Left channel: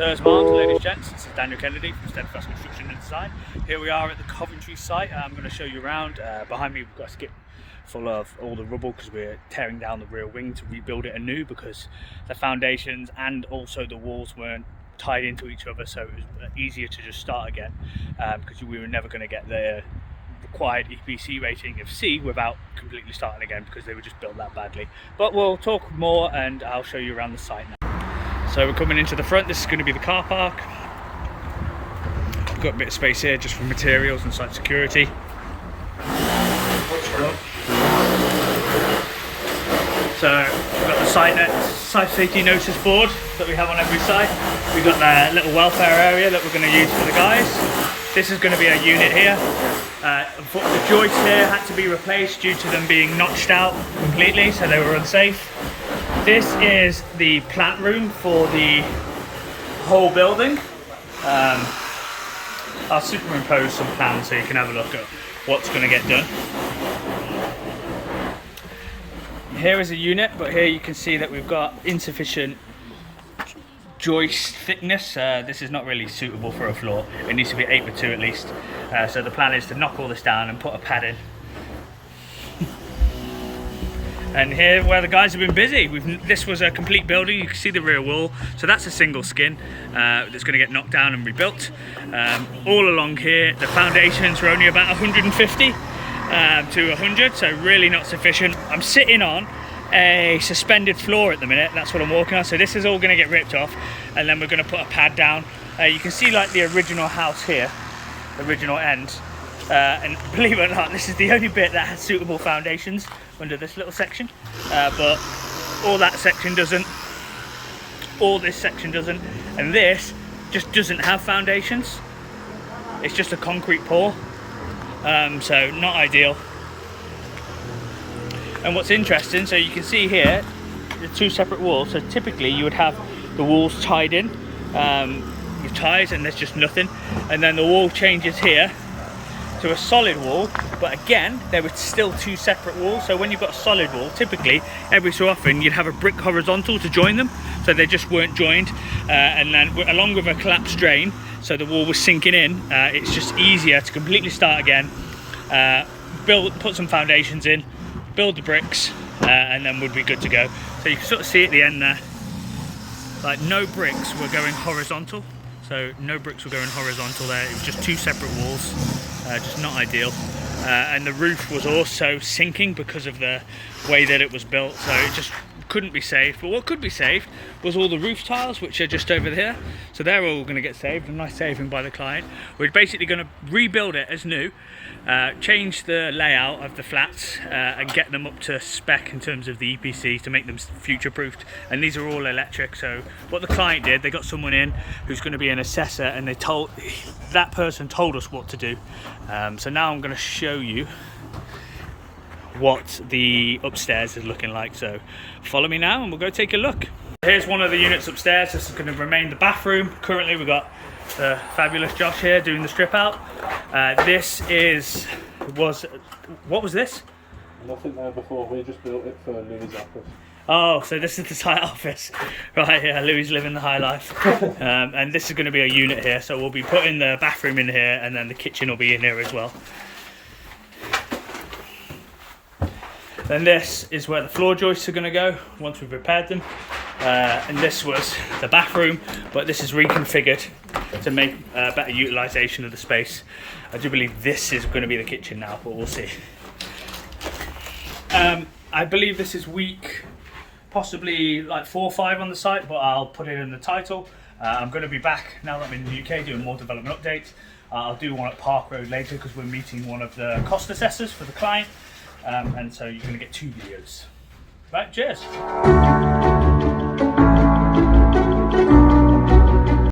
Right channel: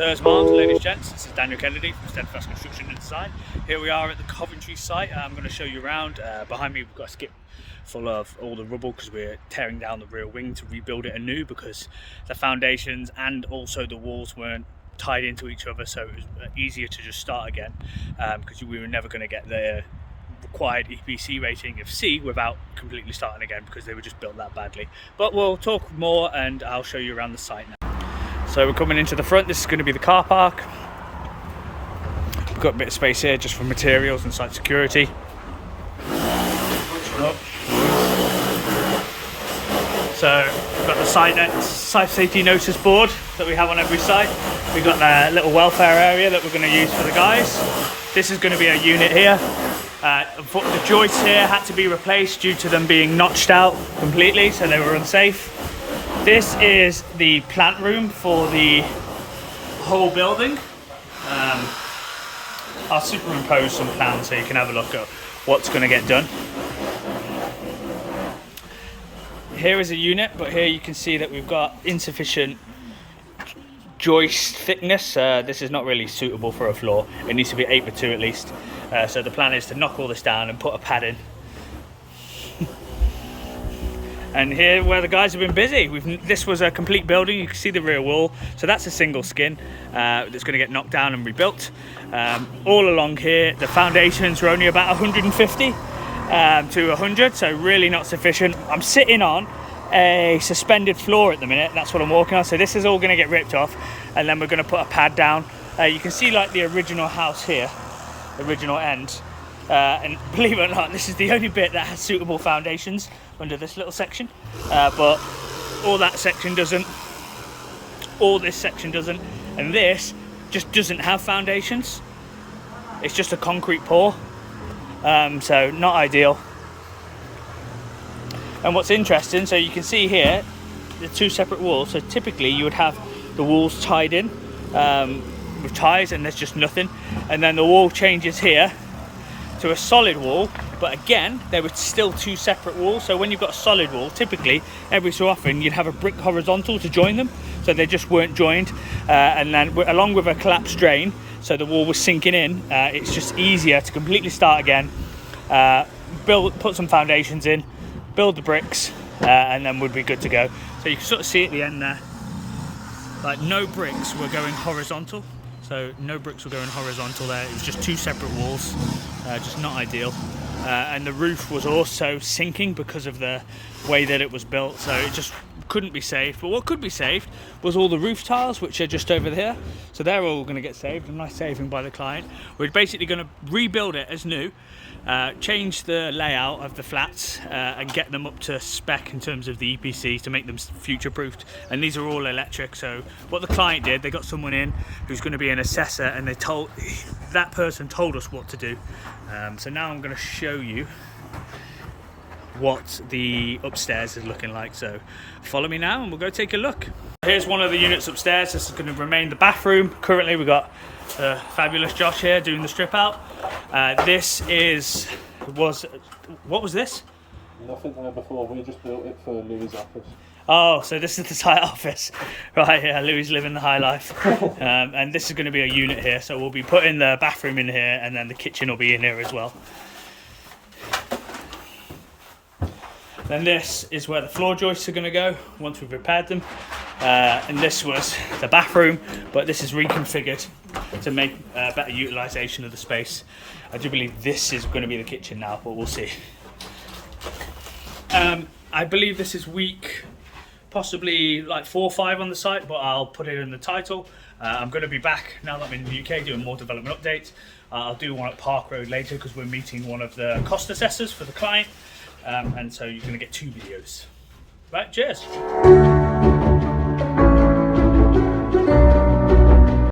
Sirs, Moms, ladies and gents, this is Daniel.Kennedy from Steadfast Construction and Design. Here we are at the Coventry site. I'm going to show you around. Behind me we've got a skip full of all the rubble because we're tearing down the rear wing to rebuild it anew because the foundations and also the walls weren't tied into each other, so it was easier to just start again because we were never going to get the required EPC rating of C without completely starting again because they were just built that badly. But we'll talk more and I'll show you around the site now. So we're coming into the front. This is going to be the car park. We've got a bit of space here just for materials and site security. So we've got the site safety notice board that we have on every site. We've got the little welfare area that we're going to use for the guys. This is going to be a unit here. The joists here had to be replaced due to them being notched out completely, so they were unsafe. This is the plant room for the whole building. I'll superimpose some plans so you can have a look at what's going to get done. Here is a unit, but here you can see that we've got insufficient joist thickness. This is not really suitable for a floor. It needs to be 8x2 at least. So the plan is to knock all this down and put a pad in. And here where the guys have been busy, this was a complete building. You can see the rear wall, so that's a single skin that's going to get knocked down and rebuilt. All along here the foundations were only about 150 to 100, so really not sufficient. I'm sitting on a suspended floor at the minute. That's what I'm walking on, so this is all going to get ripped off and then we're going to put a pad down. You can see like the original house here, the original end, and believe it or not, this is the only bit that has suitable foundations under this little section, but all that section doesn't, all this section doesn't, and this just doesn't have foundations. It's just a concrete pour, so not ideal. And what's interesting, so you can see here the two separate walls. So typically you would have the walls tied in with ties, and there's just nothing, and then the wall changes here to a solid wall, but again there were still two separate walls. So when you've got a solid wall, typically every so often you'd have a brick horizontal to join them, so they just weren't joined, and then along with a collapsed drain, so the wall was sinking in. It's just easier to completely start again, put some foundations in, build the bricks, and then we'd be good to go. So you can sort of see at the end there, like no bricks were going horizontal. So no bricks were going horizontal there. It was just two separate walls, just not ideal. And the roof was also sinking because of the way that it was built. So it just couldn't be saved. But what could be saved was all the roof tiles, which are just over here. So they're all going to get saved, a nice saving by the client. We're basically going to rebuild it as new, change the layout of the flats and get them up to spec in terms of the EPC to make them future proofed. And these are all electric. So what the client did, they got someone in who's going to be an assessor, and that person told us what to do. So now I'm going to show you what the upstairs is looking like. So follow me now and we'll go take a look. Here's one of the units upstairs. This is going to remain the bathroom. Currently we've got the fabulous Josh here doing the strip out. This what was this? Nothing there before, we just built it for Louis' office. Oh, so this is the site office. Right, yeah, Louis living the high life. And this is going to be a unit here, so we'll be putting the bathroom in here and then the kitchen will be in here as well. Then this is where the floor joists are going to go once we've repaired them. And this was the bathroom, but this is reconfigured to make better utilisation of the space. I do believe this is going to be the kitchen now, but we'll see. I believe this is week possibly like 4 or 5 on the site, but I'll put it in the title. I'm going to be back now that I'm in the UK doing more development updates. I'll do one at Park Road later because we're meeting one of the cost assessors for the client, and so you're going to get 2 videos. Right, cheers.